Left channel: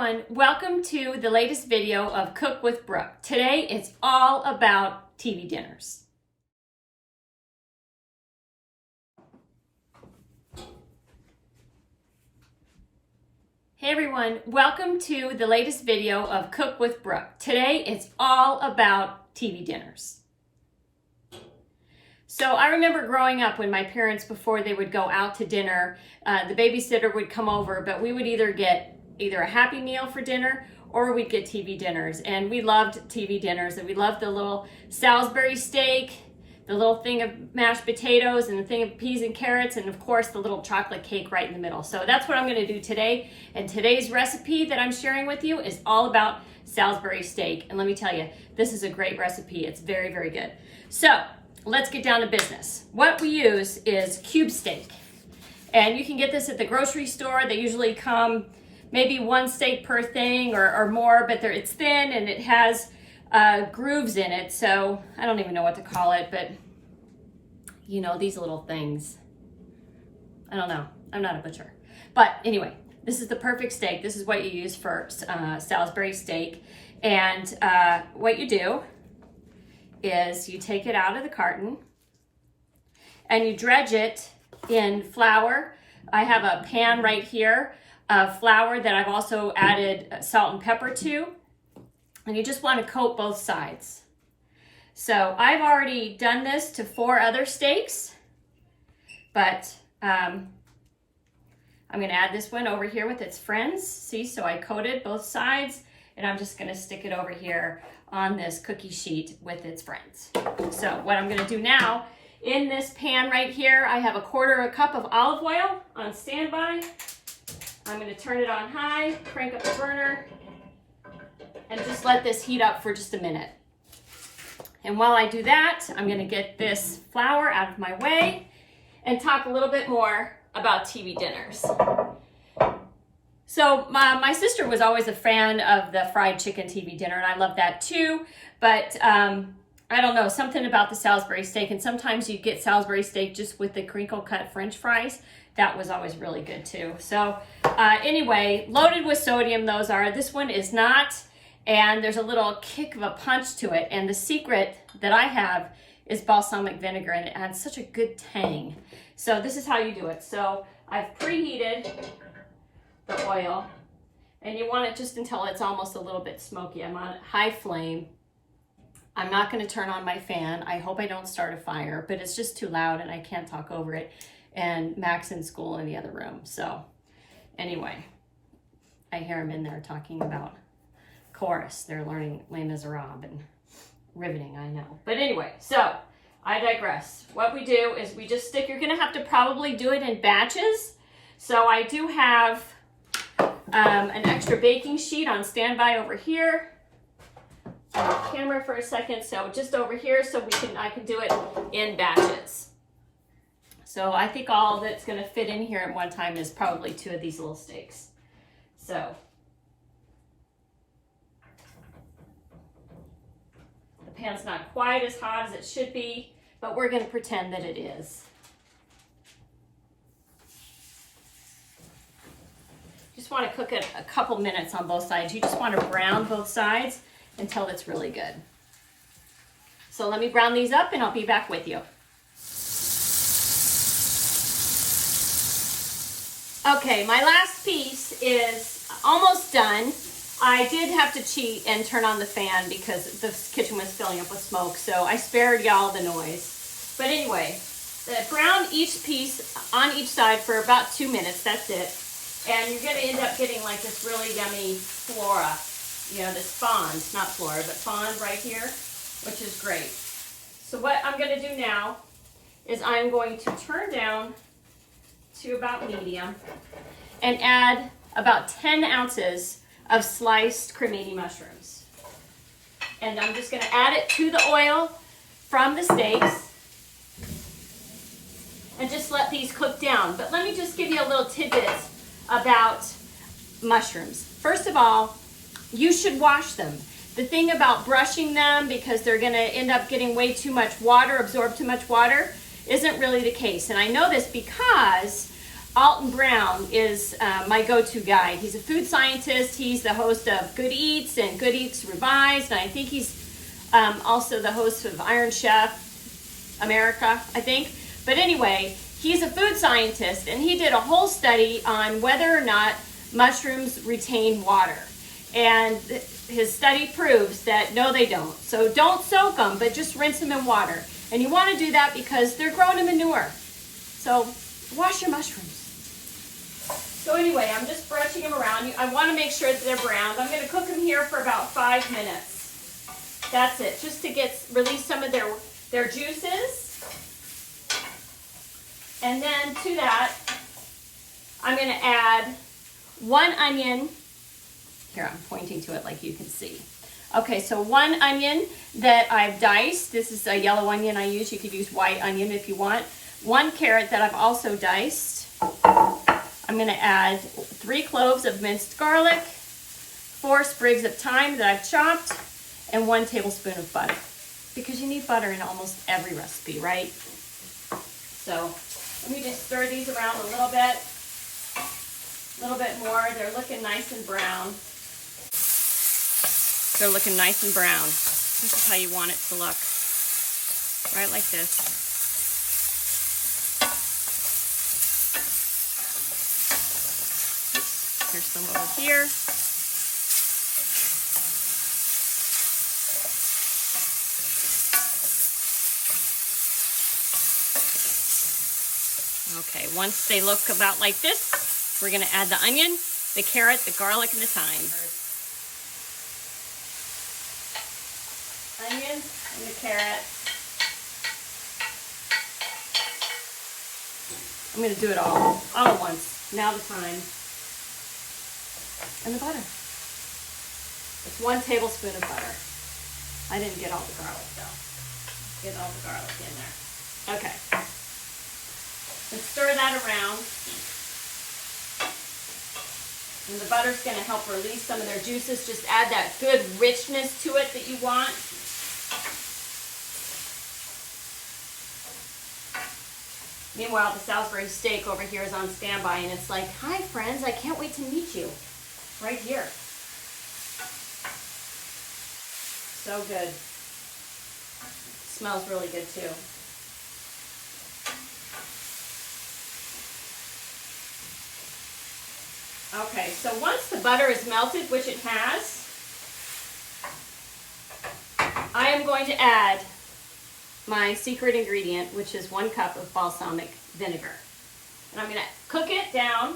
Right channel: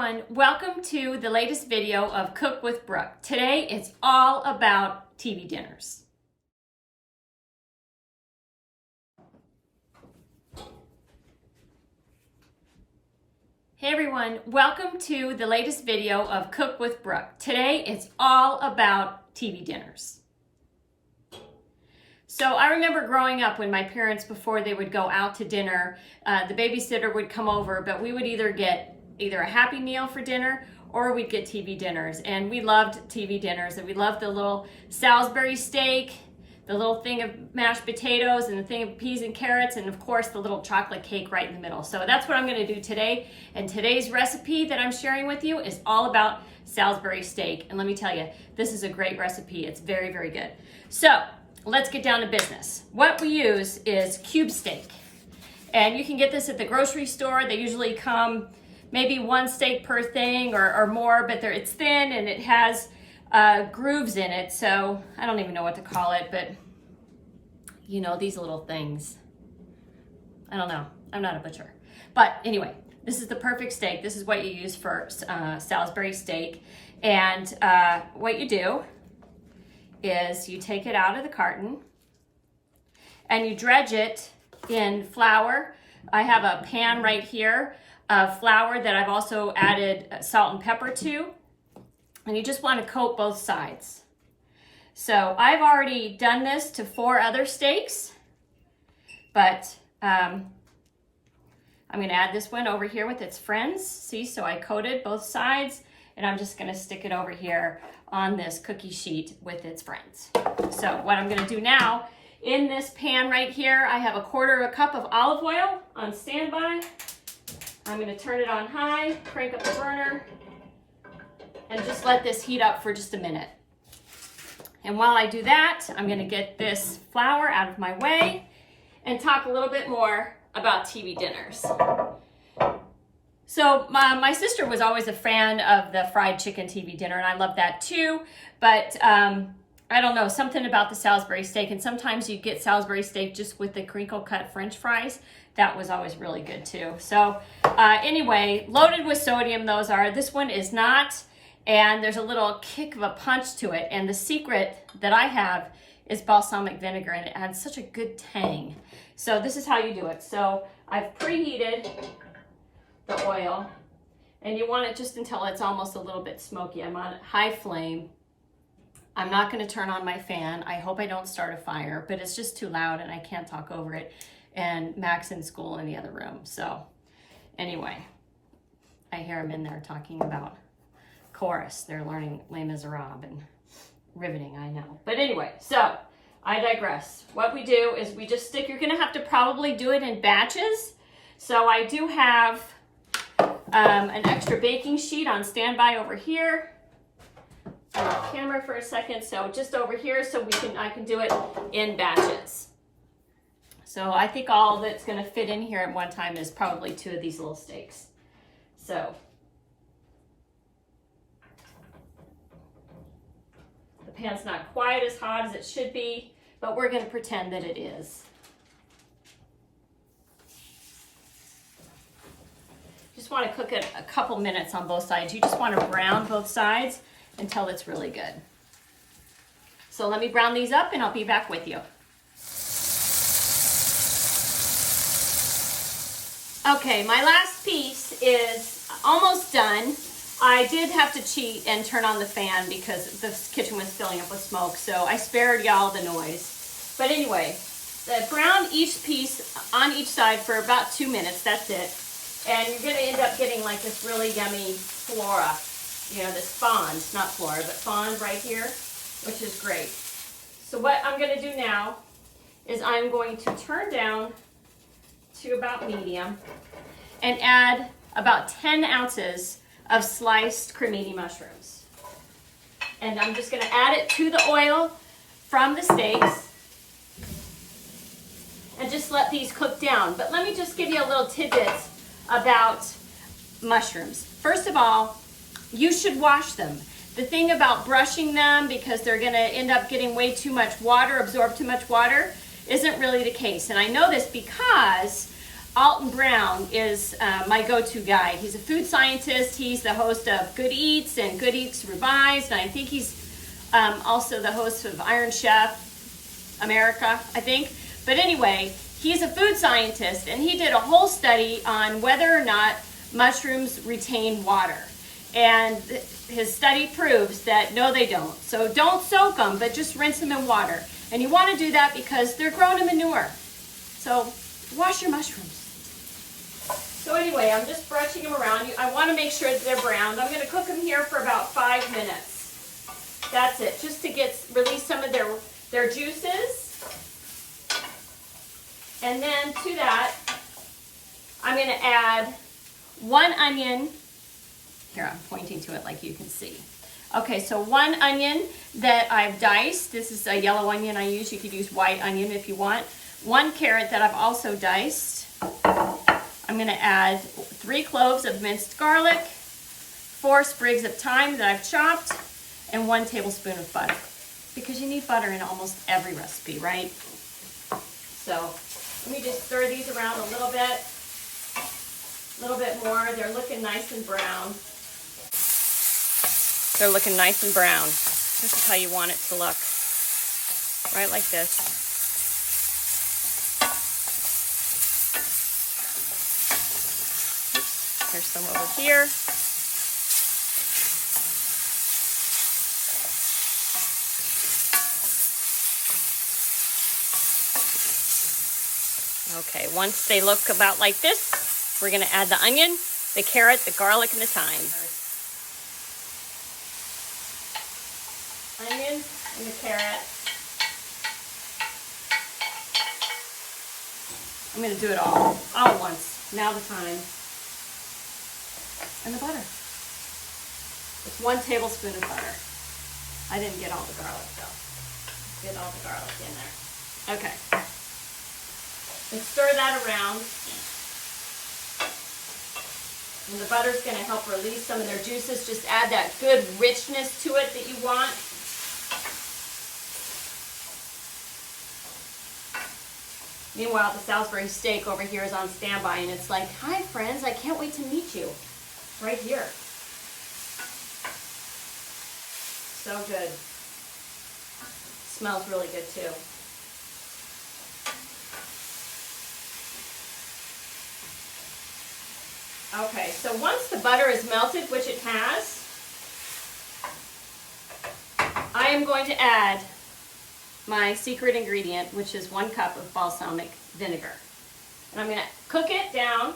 everyone, welcome to the latest video of Cook with Brooke. Today it's all about TV dinners. Hey everyone, welcome to the latest video of Cook with Brooke. Today it's all about TV dinners. So I remember growing up when my parents, before they would go out to dinner, the babysitter would come over, but we would either get a Happy Meal for dinner or we'd get TV dinners. And we loved TV dinners, and we loved the little Salisbury steak, the little thing of mashed potatoes and the thing of peas and carrots, and of course the little chocolate cake right in the middle. So that's what I'm gonna do today. And today's recipe that I'm sharing with you is all about Salisbury steak. And let me tell you, this is a great recipe. It's very, very good. So let's get down to business. What we use is cube steak. And you can get this at the grocery store. They usually come maybe one steak per thing or more, but it's thin and it has grooves in it. So I don't even know what to call it, but you know, these little things. I don't know. I'm not a butcher. But anyway, this is the perfect steak. This is what you use for Salisbury steak. And what you do is you take it out of the carton and you dredge it in flour. I have a pan right here of flour that I've also added salt and pepper to. And you just want to coat both sides. So I've already done this to 4 other steaks, but I'm going to add this one over here with its friends. See, so I coated both sides, and I'm just going to stick it over here on this cookie sheet with its friends. So what I'm going to do now, in this pan right here, I have 1/4 cup of olive oil on standby. I'm going to turn it on high, crank up the burner, and just let this heat up for just a minute. And while I do that, I'm going to get this flour out of my way and talk a little bit more about TV dinners. So my sister was always a fan of the fried chicken TV dinner, and I love that too. But I don't know, something about the Salisbury steak, and sometimes you get Salisbury steak just with the crinkle cut French fries. That was always really good too. So anyway, loaded with sodium those are. This one is not, and there's a little kick of a punch to it. And the secret that I have is balsamic vinegar, and it adds such a good tang. So this is how you do it. So I've preheated the oil, and you want it just until it's almost a little bit smoky. I'm on high flame. I'm not going to turn on my fan. I hope I don't start a fire, but it's just too loud and I can't talk over it. And Mac's in school in the other room. So anyway, I hear him in there talking about chorus. They're learning Les Miserables, and riveting, I know. But anyway, so I digress. What we do is we just stick, you're going to have to probably do it in batches. So I do have an extra baking sheet on standby over here. On the camera for a second, so just over here, so I can do it in batches. So I think all that's going to fit in here at one time is probably 2 of these little steaks. So the pan's not quite as hot as it should be, but we're going to pretend that it is. Just want to cook it a couple minutes on both sides. You just want to brown both sides until it's really good. So let me brown these up and I'll be back with you. Okay, my last piece is almost done. I did have to cheat and turn on the fan because the kitchen was filling up with smoke, so I spared y'all the noise. But anyway, brown each piece on each side for about 2 minutes, that's it. And you're gonna end up getting like this really yummy flora. You know, this fond, not flora, but fond right here, which is great. So what I'm gonna do now is I'm going to turn down to about medium and add about 10 ounces of sliced cremini mushrooms. And I'm just gonna add it to the oil from the steaks and just let these cook down. But let me just give you a little tidbit about mushrooms. First of all, you should wash them. The thing about brushing them, because they're gonna end up getting way too much water, absorb too much water, isn't really the case. And I know this because Alton Brown is my go-to guy. He's a food scientist. He's the host of Good Eats and Good Eats Revised. And I think he's also the host of Iron Chef America, I think. But anyway, he's a food scientist, and he did a whole study on whether or not mushrooms retain water. And his study proves that no, they don't. So don't soak them, but just rinse them in water. And you want to do that because they're grown in manure. So wash your mushrooms. So anyway, I'm just brushing them around. I want to make sure that they're browned. I'm going to cook them here for about 5 minutes. That's it, just to release some of their juices. And then to that, I'm going to add 1 onion. Here, I'm pointing to it like you can see. Okay, so 1 onion that I've diced. This is a yellow onion I use. You could use white onion if you want. 1 carrot that I've also diced. I'm going to add 3 cloves of minced garlic, 4 sprigs of thyme that I've chopped, and 1 tablespoon of butter. Because you need butter in almost every recipe, right? So let me just stir these around a little bit more. They're looking nice and brown. They're looking nice and brown. This is how you want it to look. Right like this. There's some over here. Okay, once they look about like this, we're going to add the onion, the carrot, the garlic, and the thyme. Onion and the carrot. I'm going to do it all at once. Now the thyme. And the butter. It's 1 tablespoon of butter. I didn't get all the garlic though. Get all the garlic in there. Okay. And stir that around. And the butter's going to help release some of their juices. Just add that good richness to it that you want. Meanwhile, the Salisbury Steak over here is on standby, and it's like, hi friends, I can't wait to meet you. Right here. So good. Smells really good too. Okay, so once the butter is melted, which it has, I am going to add my secret ingredient, which is 1 cup of balsamic vinegar. And I'm going to cook it down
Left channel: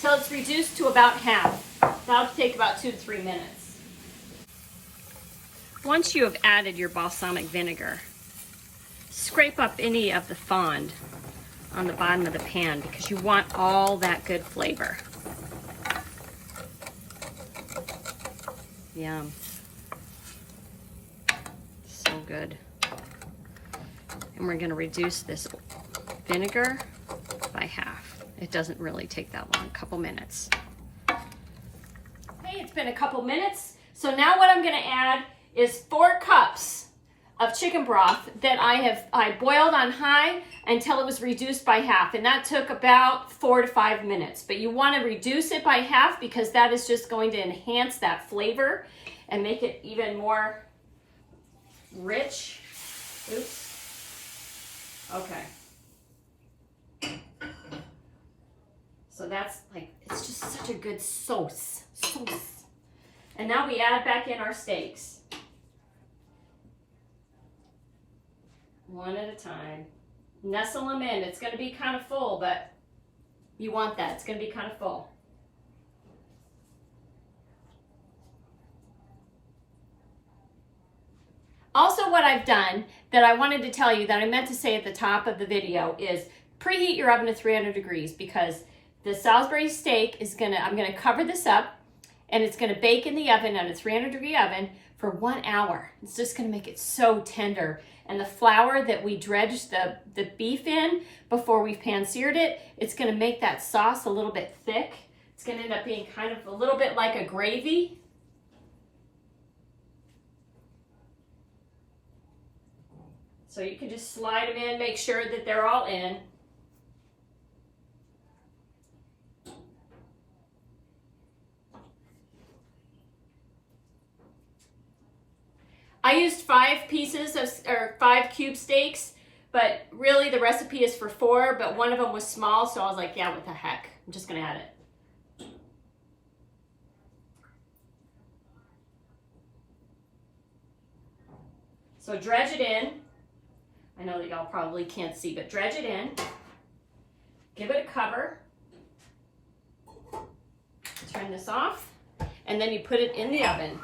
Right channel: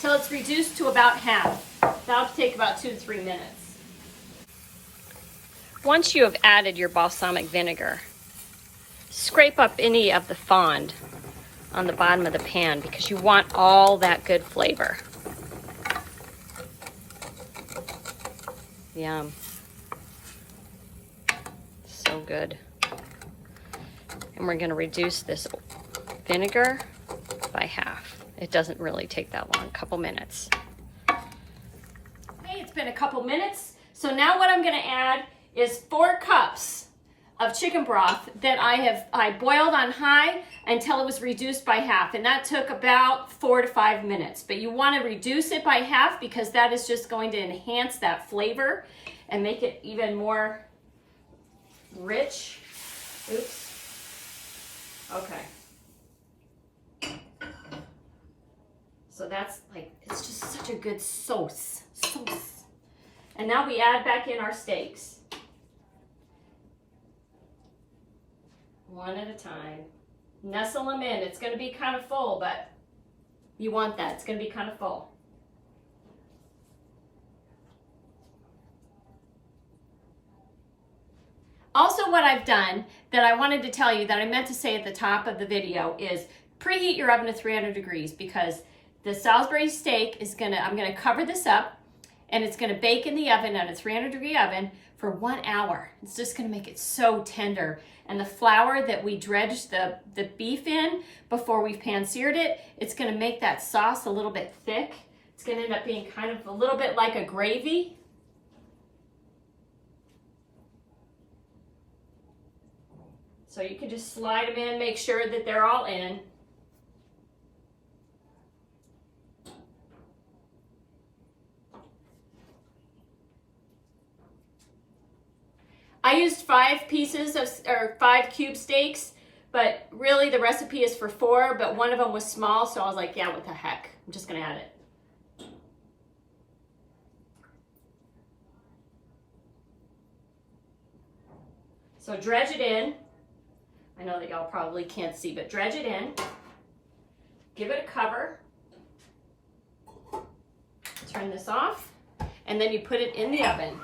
till it's reduced to about half. That'll take about 2 to 3 minutes. Once you have added your balsamic vinegar, scrape up any of the fond on the bottom of the pan because you want all that good flavor. Yum. So good. And we're going to reduce this vinegar by half. It doesn't really take that long, a couple minutes. Okay, it's been a couple minutes. So now what I'm going to add is 4 cups of chicken broth that I boiled on high until it was reduced by half, and that took about 4 to 5 minutes. But you want to reduce it by half because that is just going to enhance that flavor and make it even more rich. Oops. Okay. So that's like, it's just such a good sauce. And now we add back in our steaks. One at a time. Nestle them in. It's going to be kind of full, but you want that. It's going to be kind of full. Also, what I've done that I wanted to tell you that I meant to say at the top of the video is preheat your oven to 300 degrees because the Salisbury steak is I'm going to cover this up and it's going to bake in the oven at a 300-degree oven for 1 hour. It's just going to make it so tender. And the flour that we dredged the beef in before we pan-seared it, it's going to make that sauce a little bit thick. It's going to end up being kind of a little bit like a gravy. So you can just slide them in, make sure that they're all in. 5 pieces of, or 5 cube steaks, but really the recipe is for 4, but one of them was small, so I was like, yeah, what the heck? I'm just gonna add it. So dredge it in. I know that y'all probably can't see, but dredge it in. Give it a cover. Turn this off, and then you put it in the oven.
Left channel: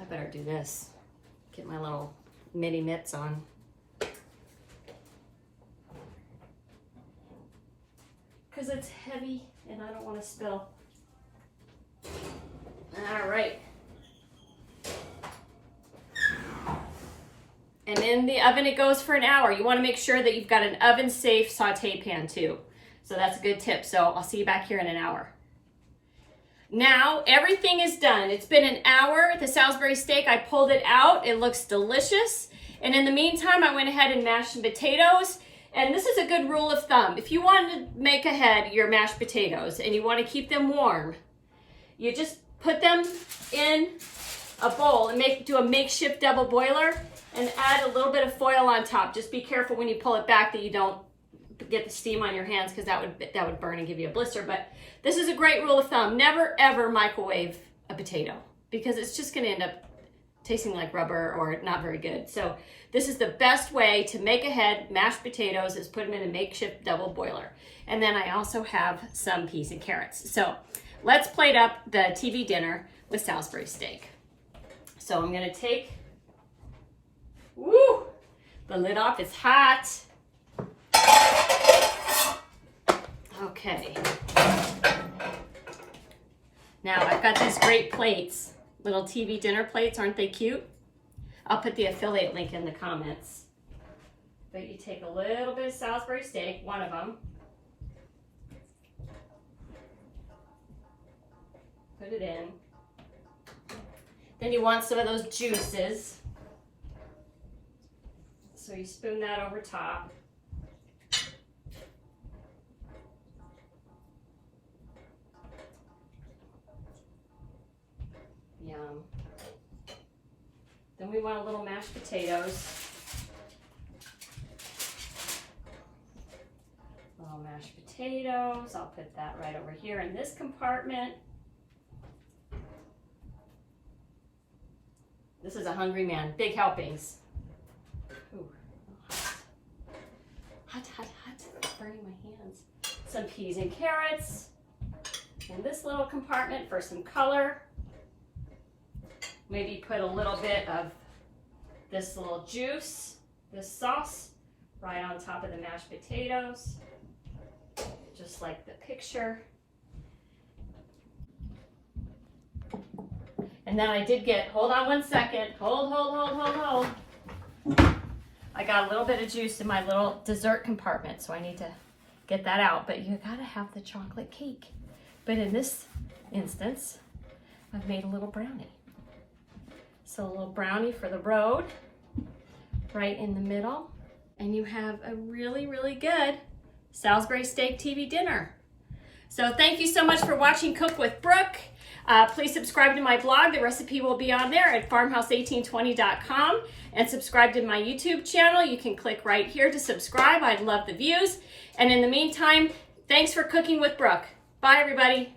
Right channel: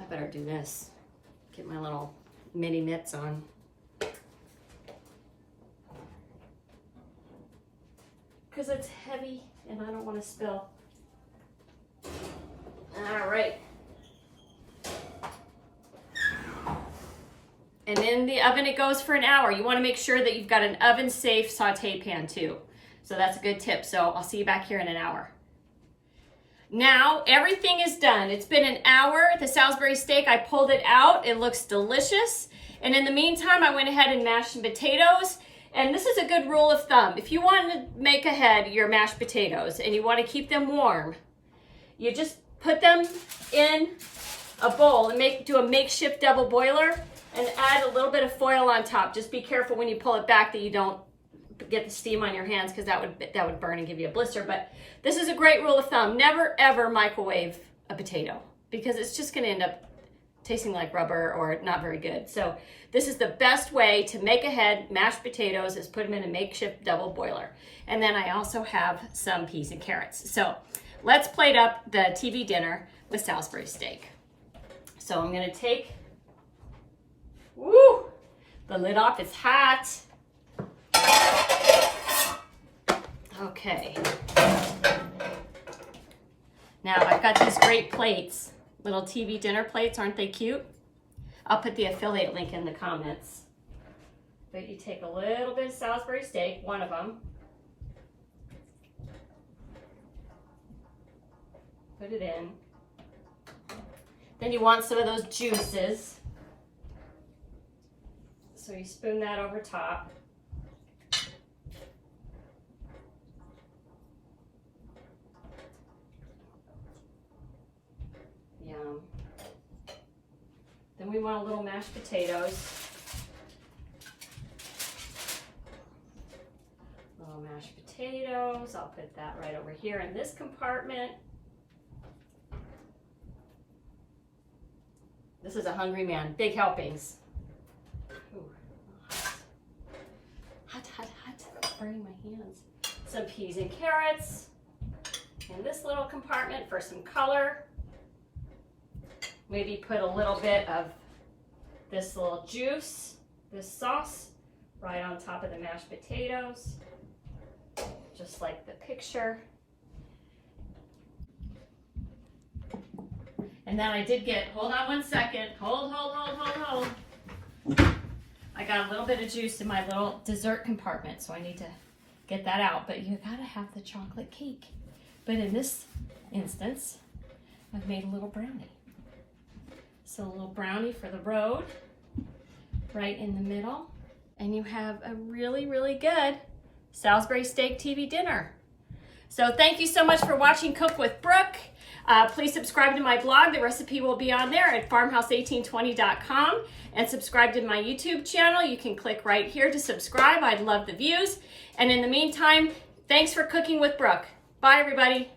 I better do this. Get my little mini mitts on. Because it's heavy and I don't want to spill. All right. And in the oven it goes for an hour. You want to make sure that you've got an oven safe saute pan too. So that's a good tip. So I'll see you back here in an hour. Now everything is done. It's been an hour. The Salisbury steak, I pulled it out. It looks delicious. And in the meantime, I went ahead and mashed some potatoes. And this is a good rule of thumb. If you want to make ahead your mashed potatoes and you want to keep them warm, you just put them in a bowl and do a makeshift double boiler and add a little bit of foil on top. Just be careful when you pull it back that you don't get the steam on your hands, because that would burn and give you a blister. But this is a great rule of thumb. Never ever microwave a potato, because it's just going to end up tasting like rubber or not very good. So this is the best way to make ahead mashed potatoes, is put them in a makeshift double boiler. And then I also have some peas and carrots. So let's plate up the TV dinner with Salisbury steak. So I'm going to take the lid off. It's hot. Okay. Now I've got these great plates, little TV dinner plates. Aren't they cute? I'll put the affiliate link in the comments. But you take a little bit of Salisbury steak, one of them. Put it in. Then you want some of those juices. So you spoon that over top. Yum. Then we want a little mashed potatoes. Little mashed potatoes. I'll put that right over here in this compartment. This is a hungry man. Big helpings. Ooh, hot, hot, hot. It's burning my hands. Some peas and carrots in this little compartment for some color. Maybe put a little bit of this little juice, this sauce, right on top of the mashed potatoes, just like the picture. And then I did get, hold on one second, hold. I got a little bit of juice in my little dessert compartment, so I need to get that out. But you gotta have the chocolate cake. But in this instance, I've made a little brownie. So a little brownie for the road, right in the middle. And you have a really, really good Salisbury steak TV dinner. So thank you so much for watching Cook with Brooke. Please subscribe to my blog. The recipe will be on there at farmhouse1820.com, and subscribe to my YouTube channel. You can click right here to subscribe. I'd love the views. And in the meantime, thanks for cooking with Brooke. Bye, everybody.